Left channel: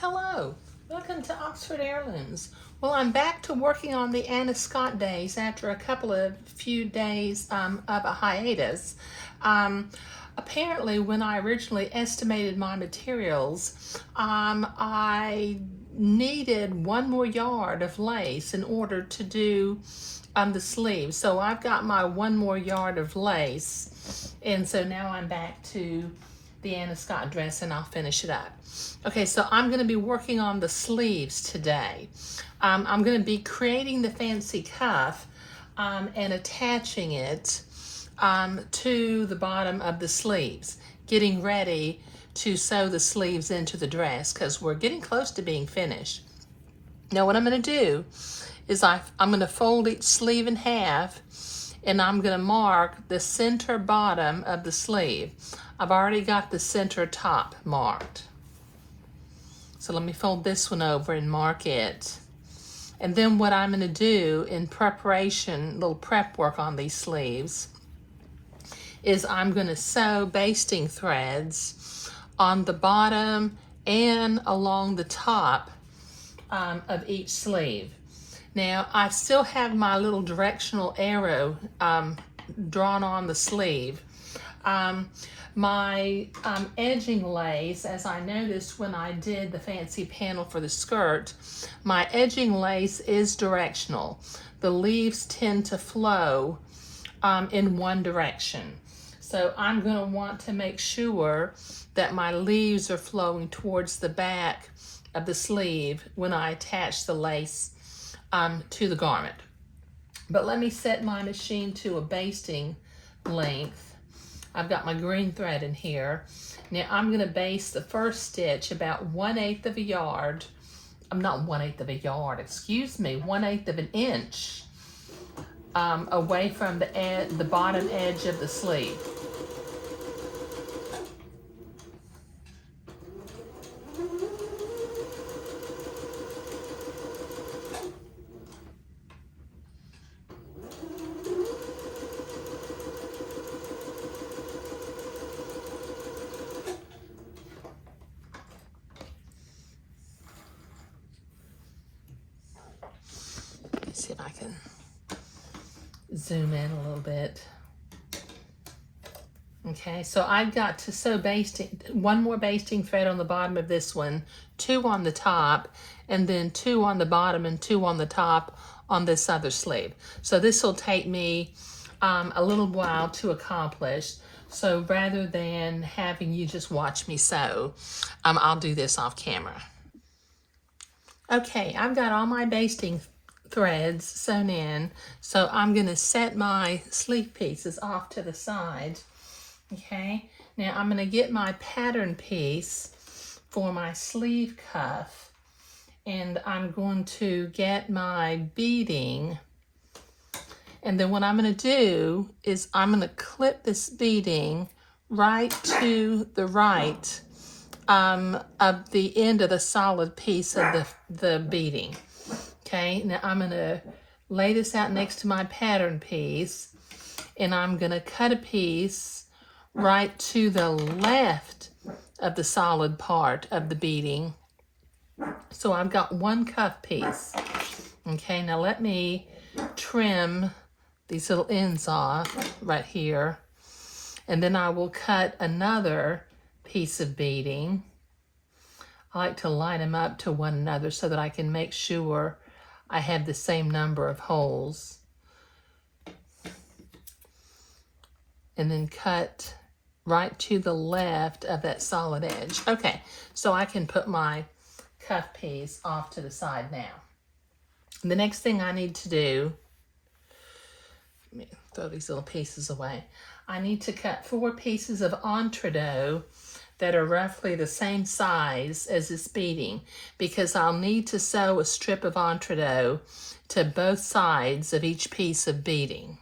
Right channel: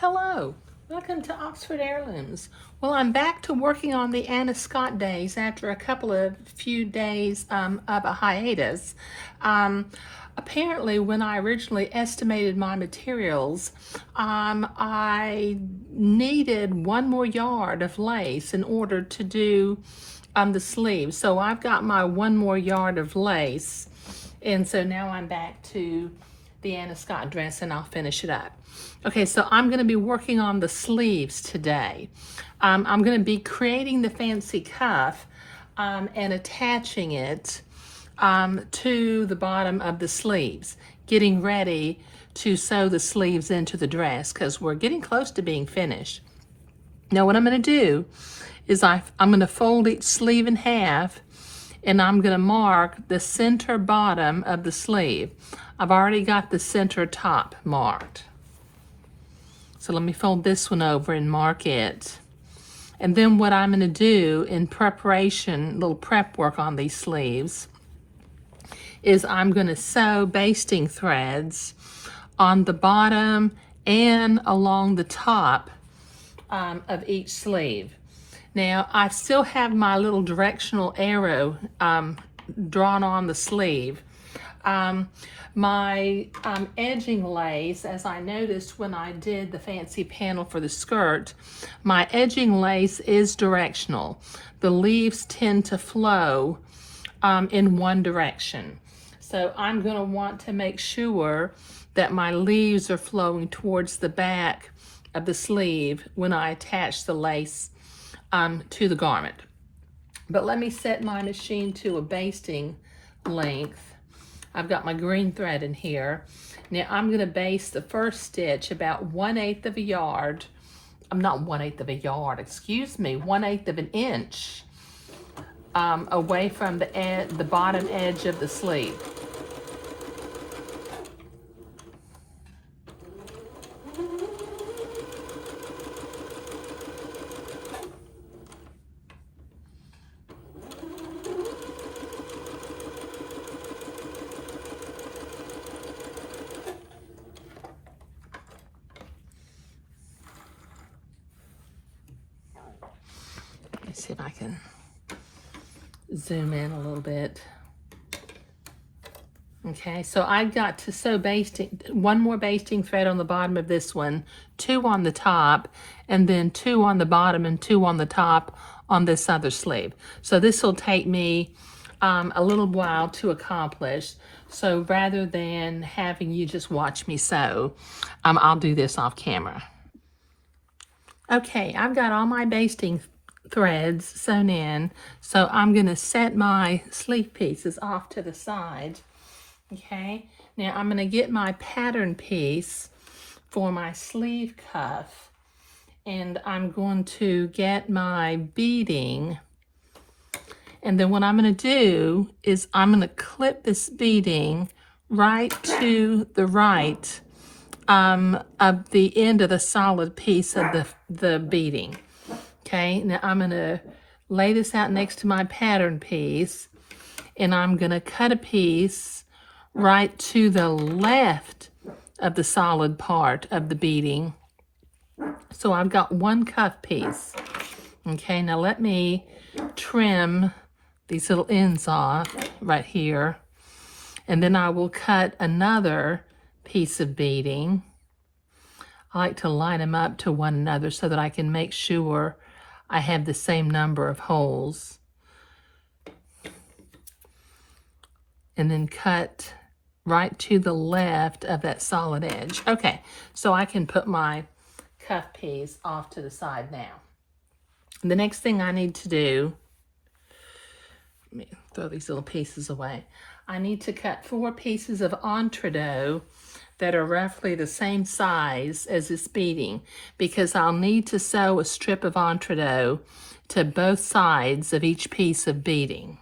Hello, welcome to Oxford Heirlooms. Well, I'm back to working on the Anna Scott days after a few days of a hiatus. Um, Apparently, when I originally estimated my materials, I needed one more yard of lace in order to do the sleeves. So I've got my one more yard of lace, and so now I'm back to the Anna Scott dress and I'll finish it up. Okay, so I'm going to be working on the sleeves today. I'm going to be creating the fancy cuff and attaching it to the bottom of the sleeves, getting ready to sew the sleeves into the dress because we're getting close to being finished. Now what I'm going to do is I'm going to fold each sleeve in half and I'm going to mark the center bottom of the sleeve. I've already got the center top marked. So let me fold this one over and mark it. And then what I'm going to do in preparation, little prep work on these sleeves, is I'm going to sew basting threads on the bottom and along the top of each sleeve. Now I still have my little directional arrow drawn on the sleeve. My edging lace, as I noticed when I did the fancy panel for the skirt, my edging lace is directional. The leaves tend to flow in one direction. So I'm going to want to make sure that my leaves are flowing towards the back of the sleeve when I attach the lace to the garment. But let me set my machine to a basting length. I've got my green thread in here. Now I'm going to baste the first stitch about 1/8 of a yard. I'm not 1/8 of a yard, excuse me, 1/8 of an inch away from the bottom edge of the sleeve. Let's see if I can zoom in a little bit. Okay, so I've got to sew one more basting thread on the bottom of this one, 2 on the top, and then 2 on the bottom and 2 on the top on this other sleeve. So this will take me a little while to accomplish. So rather than having you just watch me sew, I'll do this off camera. Okay, I've got all my basting threads sewn in, so I'm going to set my sleeve pieces off to the side. Okay, now I'm going to get my pattern piece for my sleeve cuff, and I'm going to get my beading, and then what I'm going to do is I'm going to clip this beading right to the right of the end of the solid piece of the beading. Okay, now I'm going to lay this out next to my pattern piece, and I'm going to cut a piece right to the left of the solid part of the beading. So I've got one cuff piece. Okay, now let me trim these little ends off right here, and then I will cut another piece of beading. I like to line them up to one another so that I can make sure I have the same number of holes. And then cut right to the left of that solid edge. Okay, so I can put my cuff piece off to the side now. And the next thing I need to do, let me throw these little pieces away. I need to cut 4 pieces of entredot that are roughly the same size as this beading, because I'll need to sew a strip of entredot to both sides of each piece of beading.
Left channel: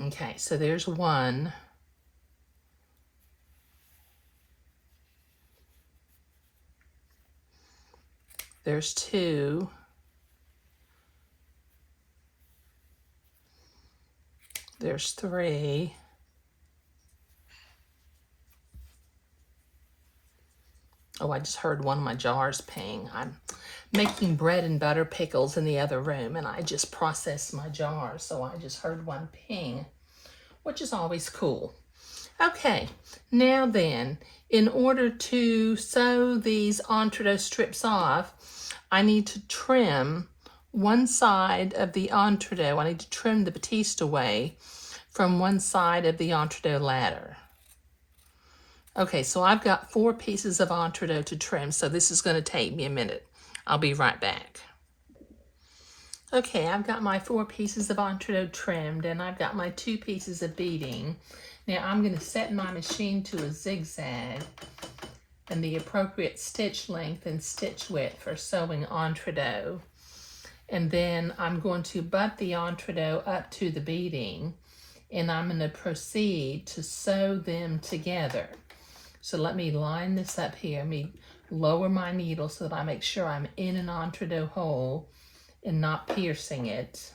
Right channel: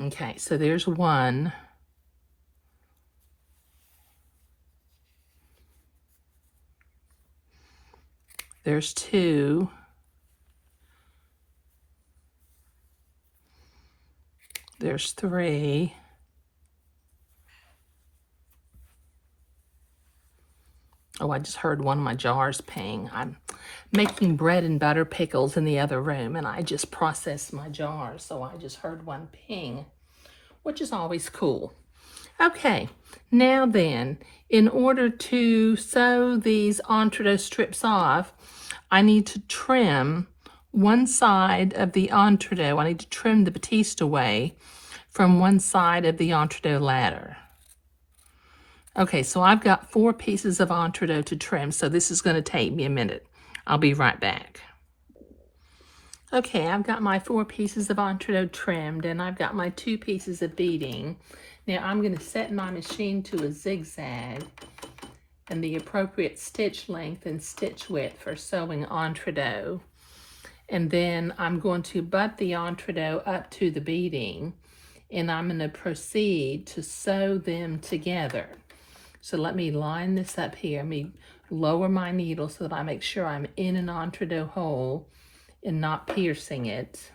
Okay, so there's one. There's 2. There's 3. Oh, I just heard one of my jars ping. I'm making bread and butter pickles in the other room, and I just processed my jars, so I just heard one ping, which is always cool. Okay, now then, in order to sew these entree strips off, I need to trim one side of the entree. I need to trim the batiste away from one side of the entree ladder. Okay, so I've got 4 pieces of entree to trim, so this is going to take me a minute. I'll be right back. Okay, I've got my 4 pieces of entree trimmed, and I've got my 2 pieces of beading. Now I'm going to set my machine to a zigzag and the appropriate stitch length and stitch width for sewing entree. And then I'm going to butt the entree up to the beading, and I'm going to proceed to sew them together. So let me line this up here. Let me lower my needle so that I make sure I'm in an entree hole and not piercing it.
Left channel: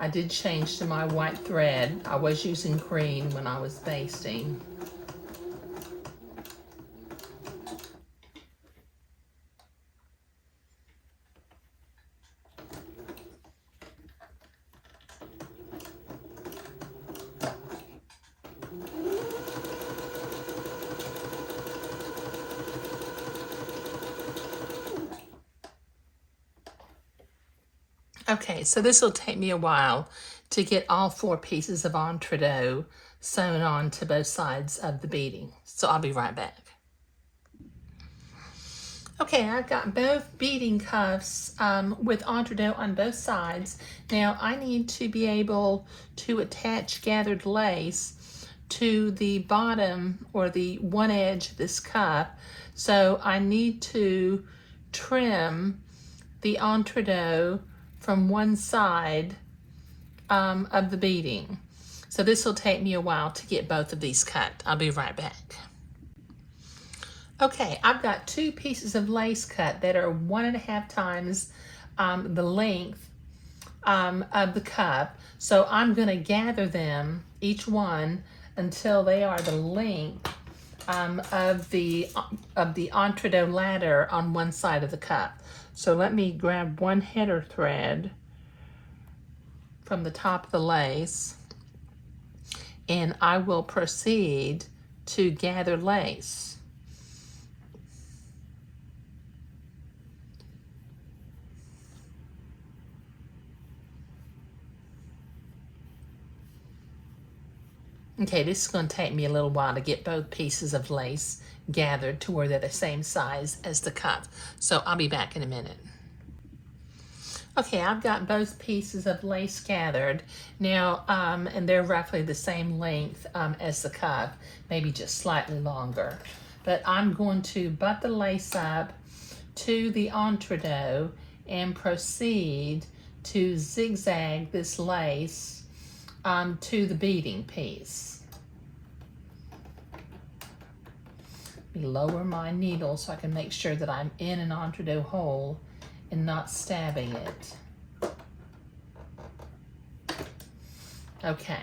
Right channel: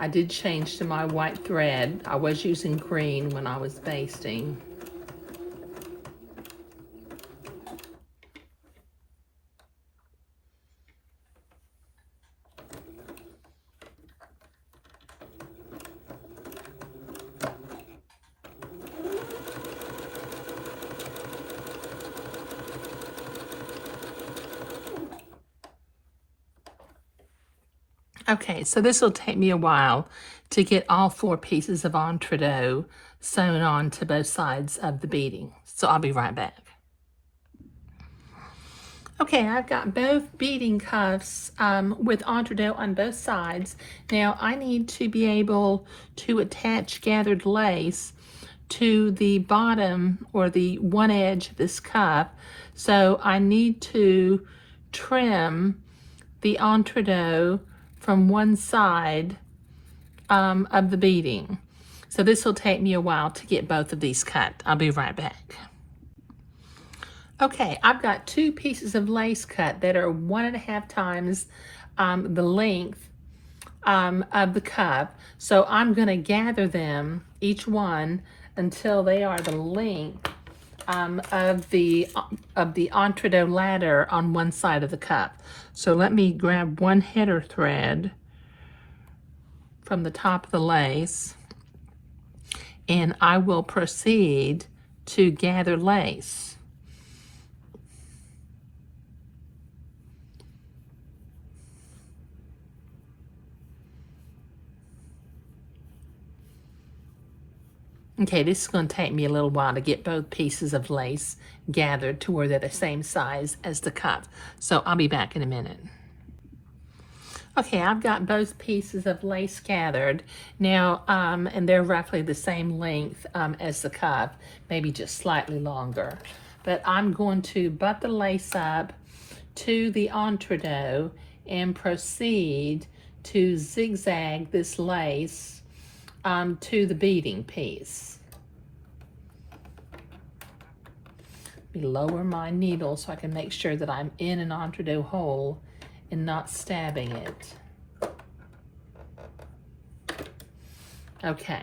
I did change to my white thread. I was using green when I was basting. Okay, so this will take me a while to get all 4 pieces of entree sewn on to both sides of the beading. So I'll be right back. Okay, I've got both beading cuffs with entree on both sides. Now I need to be able to attach gathered lace to the bottom or the one edge of this cuff. So I need to trim the entree from one side of the beading. So this will take me a while to get both of these cut. I'll be right back. Okay, I've got 2 pieces of lace cut that are 1.5 times the length of the cuff. So I'm going to gather them, each one, until they are the length of the entree ladder on one side of the cuff. So let me grab one header thread from the top of the lace, and I will proceed to gather lace. Okay, this is going to take me a little while to get both pieces of lace gathered to where they're the same size as the cuff. So I'll be back in a minute. Okay, I've got both pieces of lace gathered now, and they're roughly the same length as the cuff, maybe just slightly longer. But I'm going to butt the lace up to the entree and proceed to zigzag this lace to the beading piece. Lower my needle so I can make sure that I'm in an entree hole and not stabbing it. Okay.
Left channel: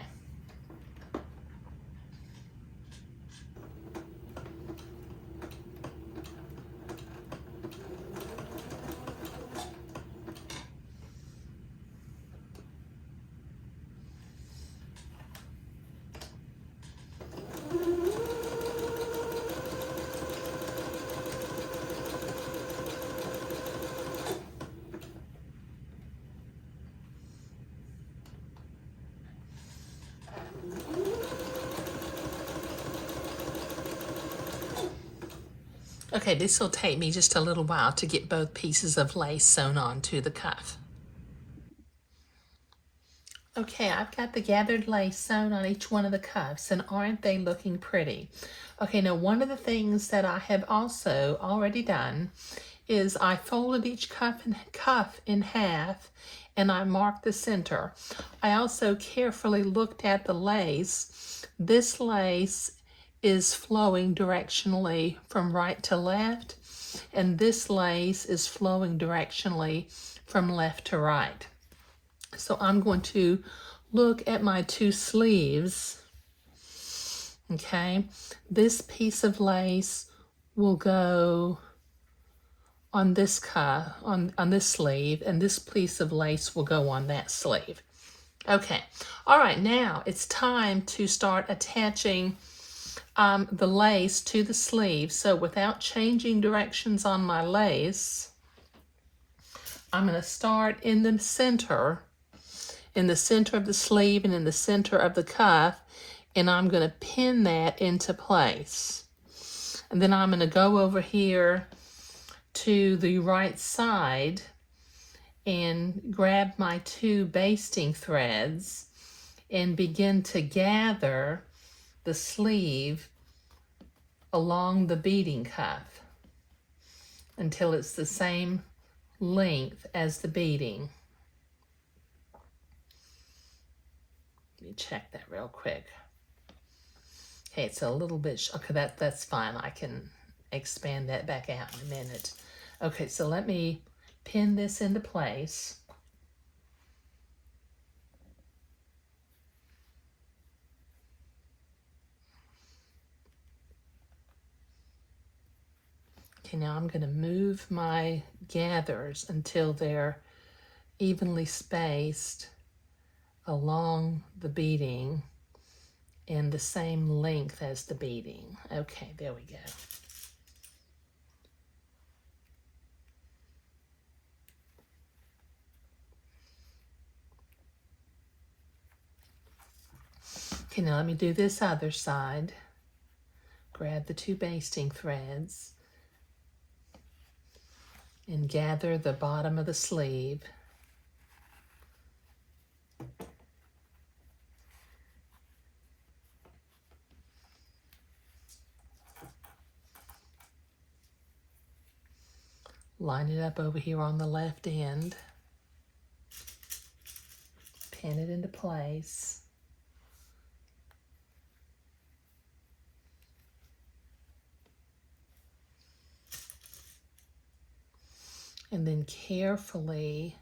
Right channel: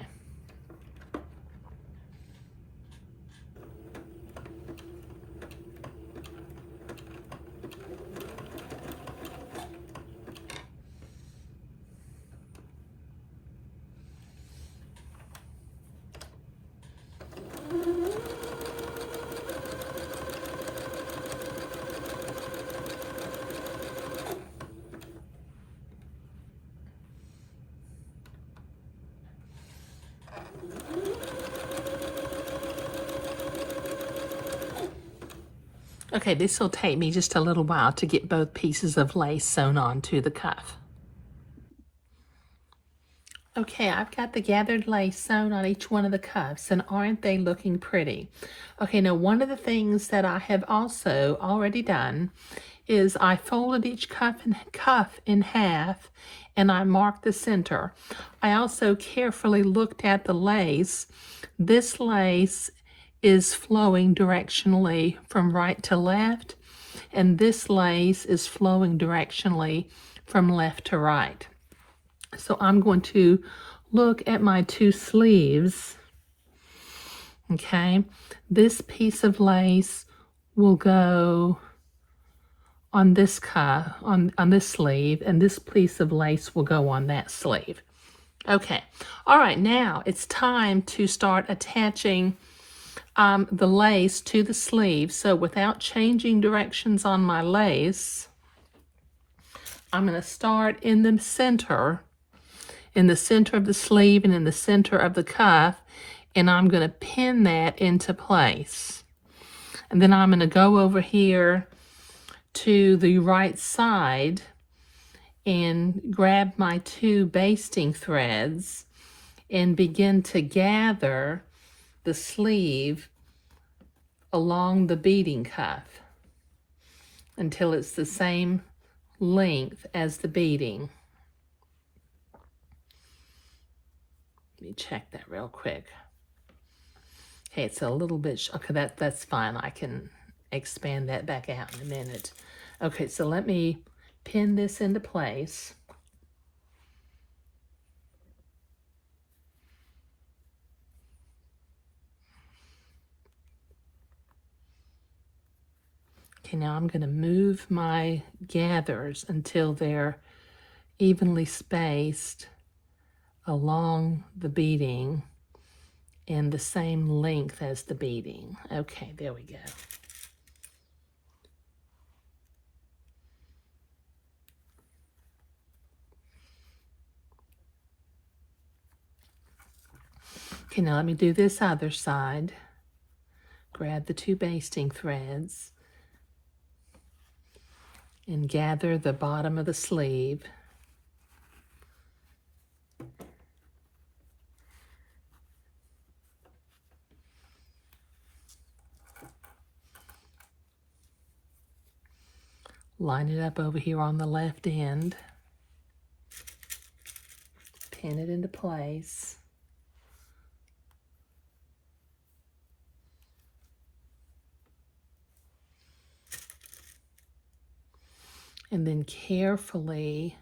Okay, this will take me just a little while to get both pieces of lace sewn onto the cuff. Okay, I've got the gathered lace sewn on each one of the cuffs, and aren't they looking pretty? Okay, now one of the things that I have also already done is I folded each cuff in half, and I marked the center. I also carefully looked at the lace. This lace is flowing directionally from right to left, and this lace is flowing directionally from left to right. So I'm going to look at my 2 sleeves Okay, this piece of lace will go on this cuff, on this sleeve, and this piece of lace will go on that sleeve. Okay, all right, now it's time to start attaching the lace to the sleeve. So without changing directions on my lace, I'm going to start in the center of the sleeve and in the center of the cuff, and I'm going to pin that into place. And then I'm going to go over here to the right side and grab my 2 basting threads and begin to gather the sleeve along the beading cuff until it's the same length as the beading. Let me check that real quick. Okay, it's a little bit, okay, that's fine. I can expand that back out in a minute. Okay, so let me pin this into place. Okay, now I'm going to move my gathers until they're evenly spaced along the beading and the same length as the beading. Okay, there we go. Okay, now let me do this other side. Grab the 2 basting threads and gather the bottom of the sleeve. Line it up over here on the left end. Pin it into place. And then carefully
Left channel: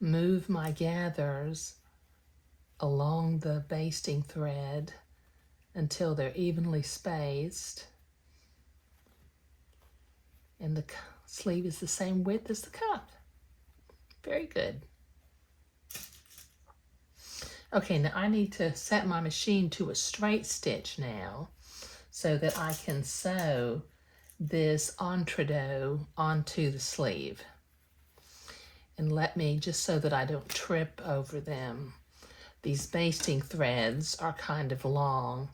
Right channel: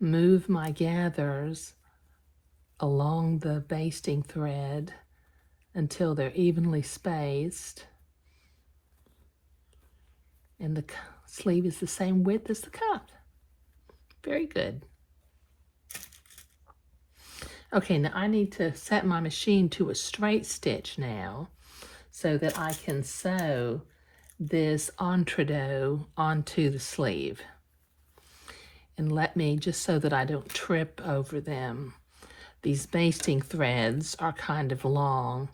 move my gathers along the basting thread until they're evenly spaced. And the sleeve is the same width as the cuff. Very good. Okay, now I need to set my machine to a straight stitch now so that I can sew this entredot onto the sleeve. And let me, just so that I don't trip over them, these basting threads are kind of long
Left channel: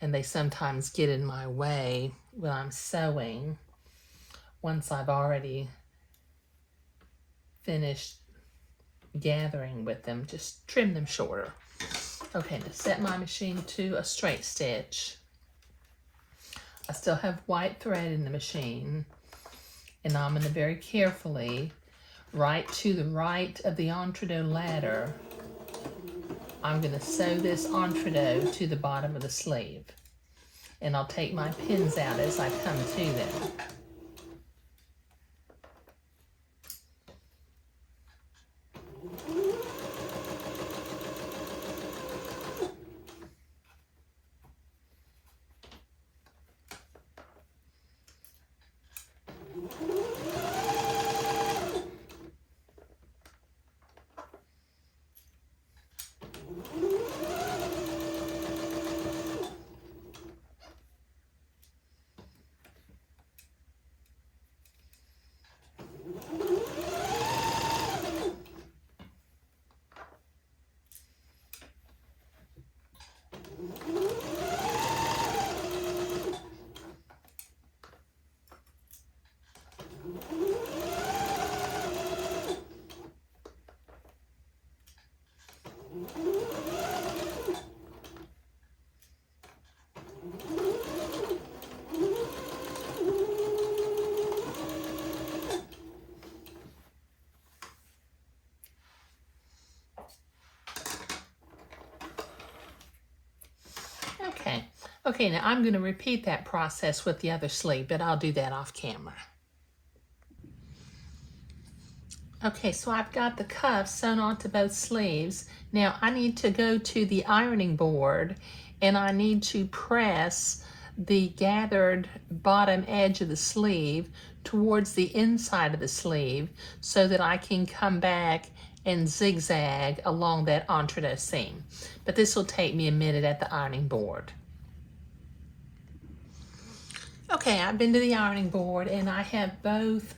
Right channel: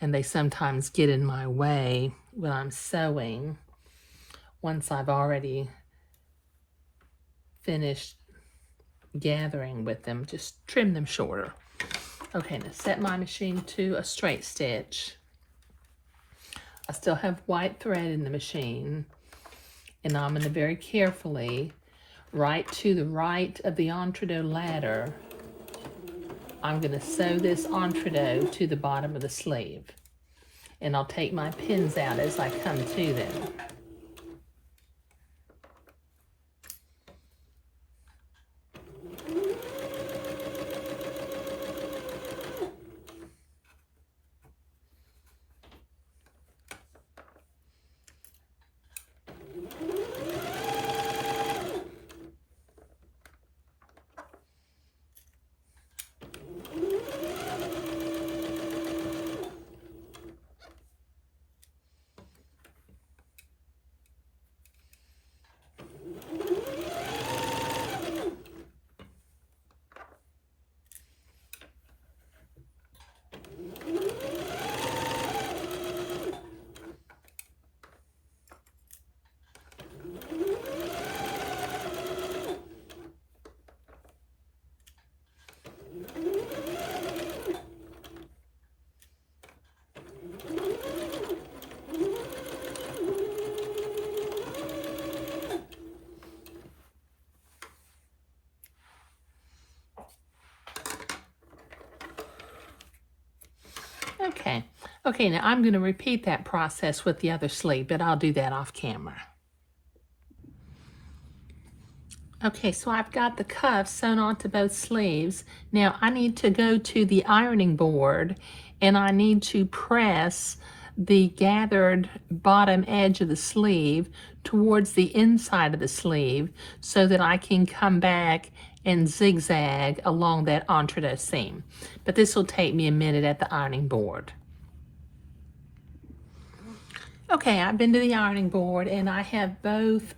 and they sometimes get in my way when I'm sewing. Once I've already finished gathering with them, just trim them shorter. Okay, now set my machine to a straight stitch. I still have white thread in the machine, and I'm going to very carefully, right to the right of the entredot ladder, I'm going to sew this entredot to the bottom of the sleeve. And I'll take my pins out as I come to them. Okay, now I'm going to repeat that process with the other sleeve, but I'll do that off camera. Okay, so I've got the cuffs sewn onto both sleeves. Now I need to go to the ironing board and I need to press the gathered bottom edge of the sleeve towards the inside of the sleeve so that I can come back and zigzag along that entree seam. But this will take me a minute at the ironing board. Okay, I've been to the ironing board and I have both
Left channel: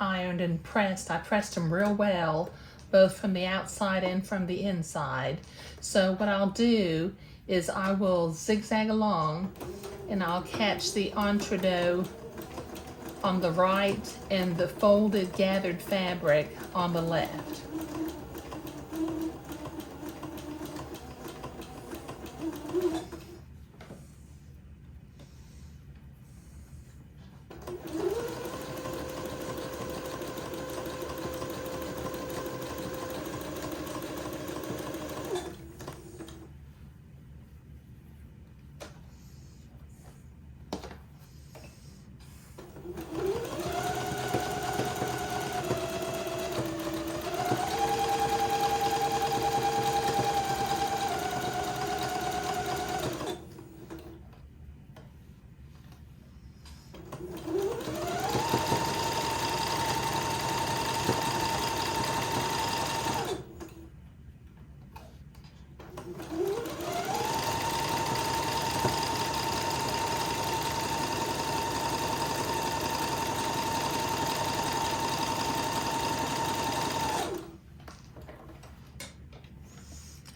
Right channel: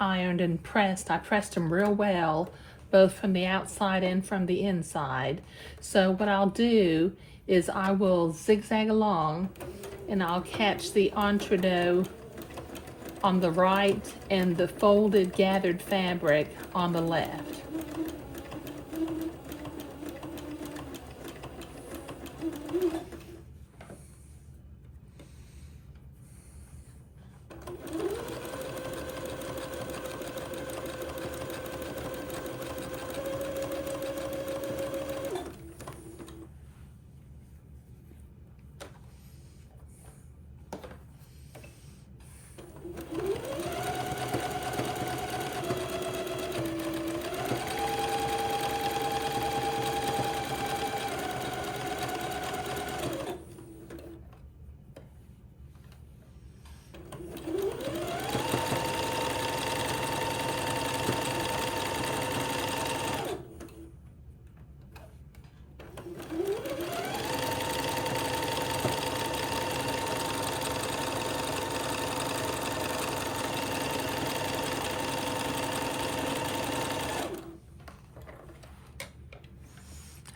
ironed and pressed. I pressed them real well, both from the outside and from the inside. So what I'll do is I will zigzag along and I'll catch the entree on the right and the folded gathered fabric on the left.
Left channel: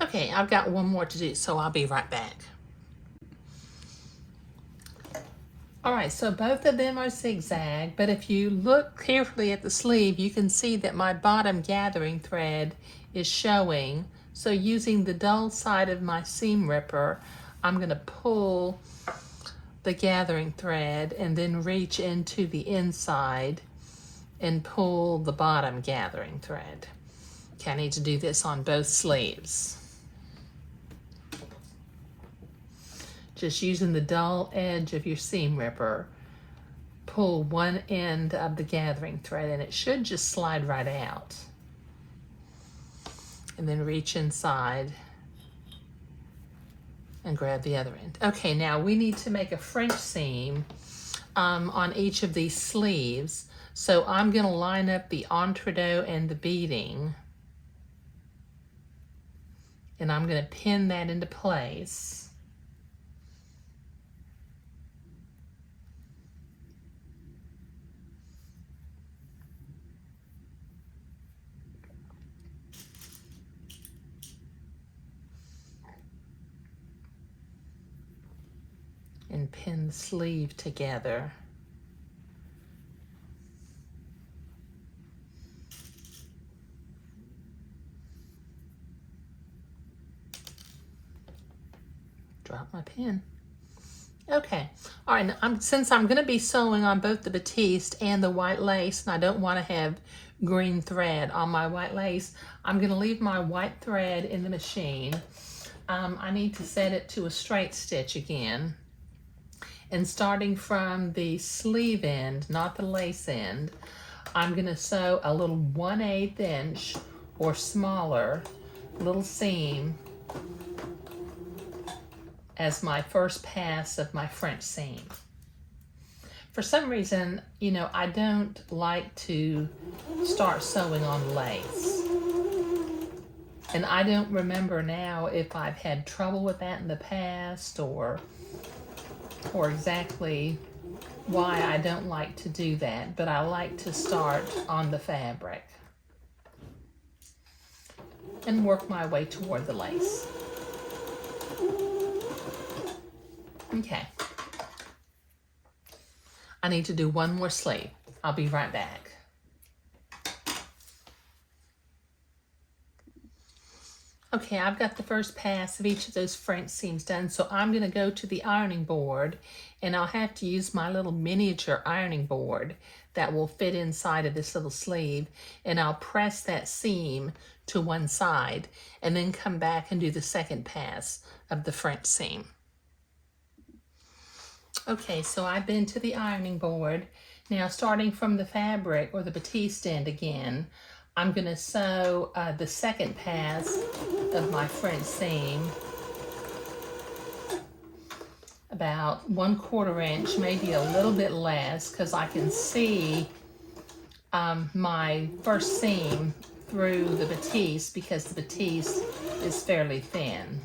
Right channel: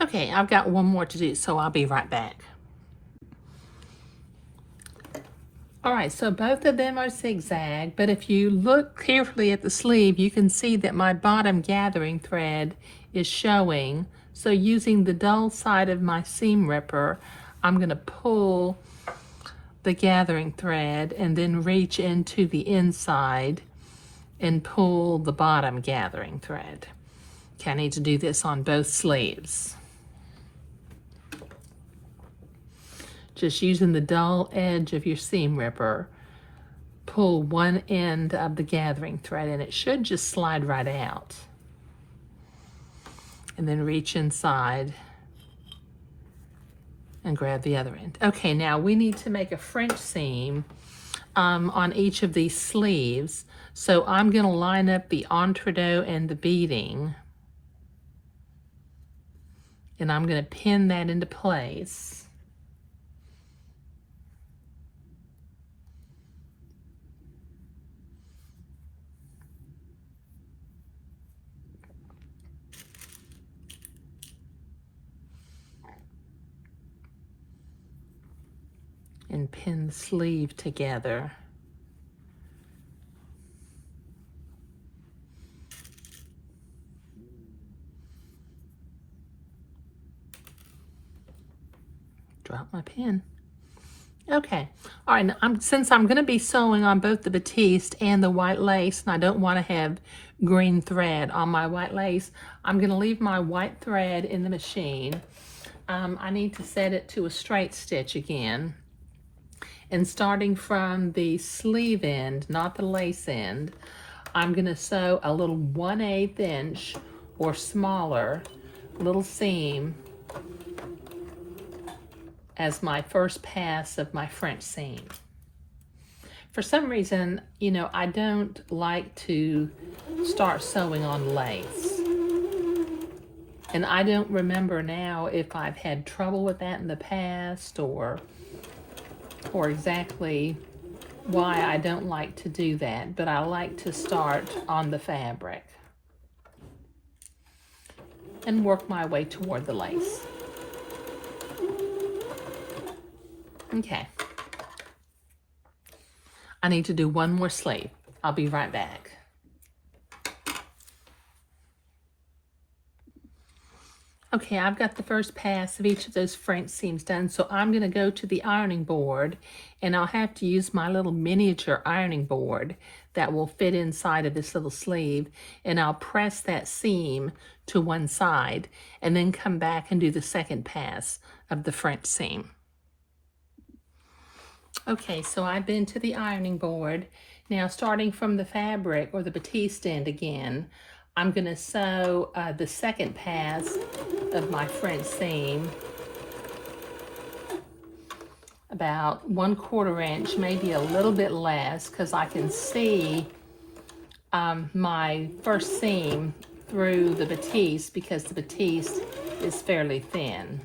Okay, I've got one more to do, so I'll be right back. All right, so both of them are zigzag, but if you look carefully at the sleeve, you can see that my bottom gathering thread is showing. So using the dull side of my seam ripper, I'm gonna pull the gathering thread and then reach into the inside and pull the bottom gathering thread. Okay, I need to do this on both sleeves. Just using the dull edge of your seam ripper, pull one end of the gathering thread and it should just slide right out. And then reach inside and grab the other end. Okay, now we need to make a French seam on each of these sleeves. So I'm gonna line up the entree and the beading and I'm gonna pin that into place. And pin the sleeve together. Drop my pin. Okay, all right, since I'm gonna be sewing on both the batiste and the white lace, and I don't wanna have green thread on my white lace, I'm gonna leave my white thread in the machine. I need to set it to a straight stitch again. And starting from the sleeve end, not the lace end, I'm gonna sew a little 1/8 inch or smaller little seam as my first pass of my French seam. For some reason, you know, I don't like to start sewing on lace. And I don't remember now if I've had trouble with that in the past or exactly why I don't like to do that, but I like to start on the fabric and work my way toward the lace. Okay. I need to do one more sleeve. I'll be right back. Okay, I've got the first pass of each of those French seams done, so I'm going to go to the ironing board, and I'll have to use my little miniature ironing board that will fit inside of this little sleeve, and I'll press that seam to one side, and then come back and do the second pass of the French seam. Okay, so I've been to the ironing board. Now, starting from the fabric or the batiste end again, I'm going to sew the second pass of my French seam about 1/4 inch, maybe a little bit less, because I can see my first seam through the batiste because the batiste is fairly thin.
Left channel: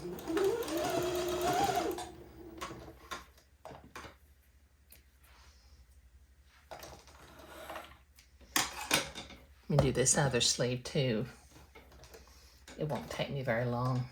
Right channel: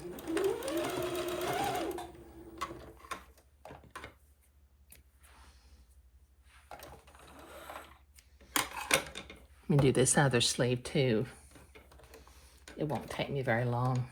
Let me do this other sleeve too. It won't take me very long.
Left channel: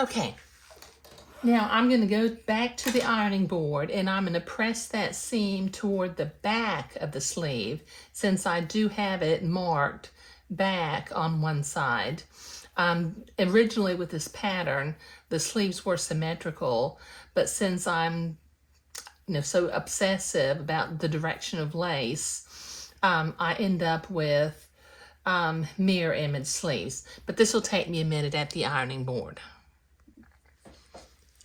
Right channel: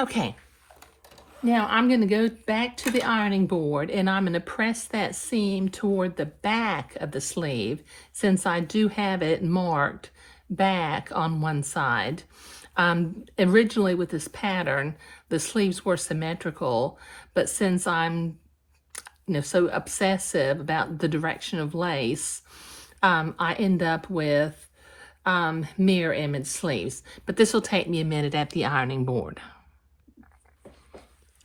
Okay, now I'm going to go back to the ironing board and I'm going to press that seam toward the back of the sleeve since I do have it marked back on one side. Originally with this pattern, the sleeves were symmetrical, but since I'm so obsessive about the direction of lace, I end up with mirror image sleeves. But this will take me a minute at the ironing board.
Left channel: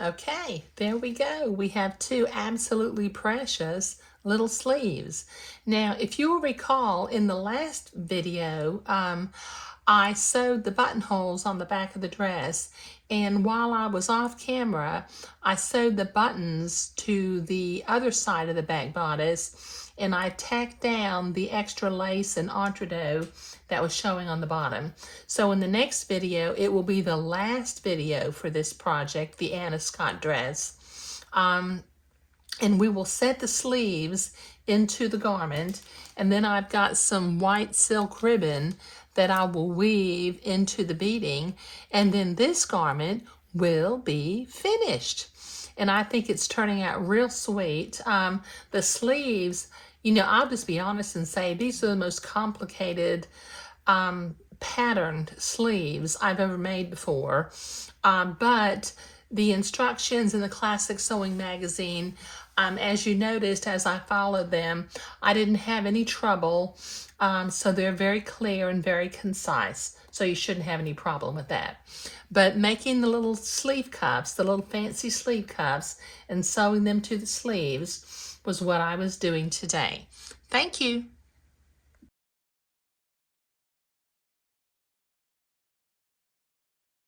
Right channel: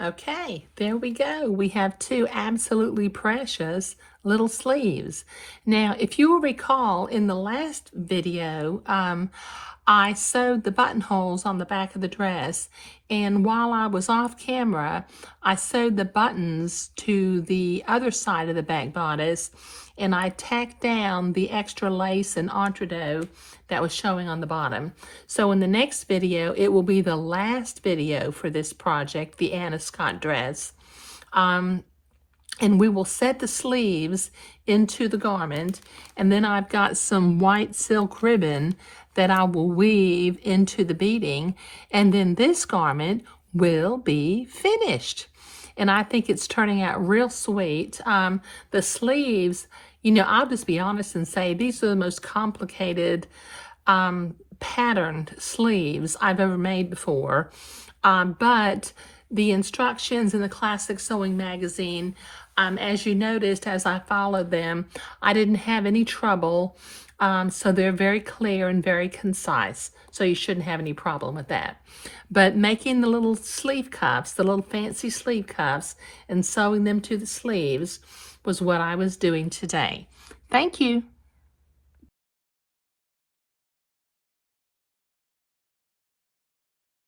Okay, there we go. We have two absolutely precious little sleeves. Now, if you will recall, in the last video, I sewed the buttonholes on the back of the dress, and while I was off camera, I sewed the buttons to the other side of the back bodice, and I tacked down the extra lace and entree that was showing on the bottom. So in the next video, it will be the last video for this project, the Anna Scott dress. And we will set the sleeves into the garment, and then I've got some white silk ribbon that I will weave into the beading, and then this garment will be finished. And I think it's turning out real sweet. The sleeves, I'll just be honest and say these are the most complicated patterned sleeves I've ever made before. But the instructions in the Classic Sewing magazine, as you noticed as I followed them, I didn't have any trouble. So they're very clear and very concise. So you shouldn't have any problem with that. But making the little sleeve cuffs, the little fancy sleeve cuffs, and sewing them to the sleeves was what I was doing today. Thank you.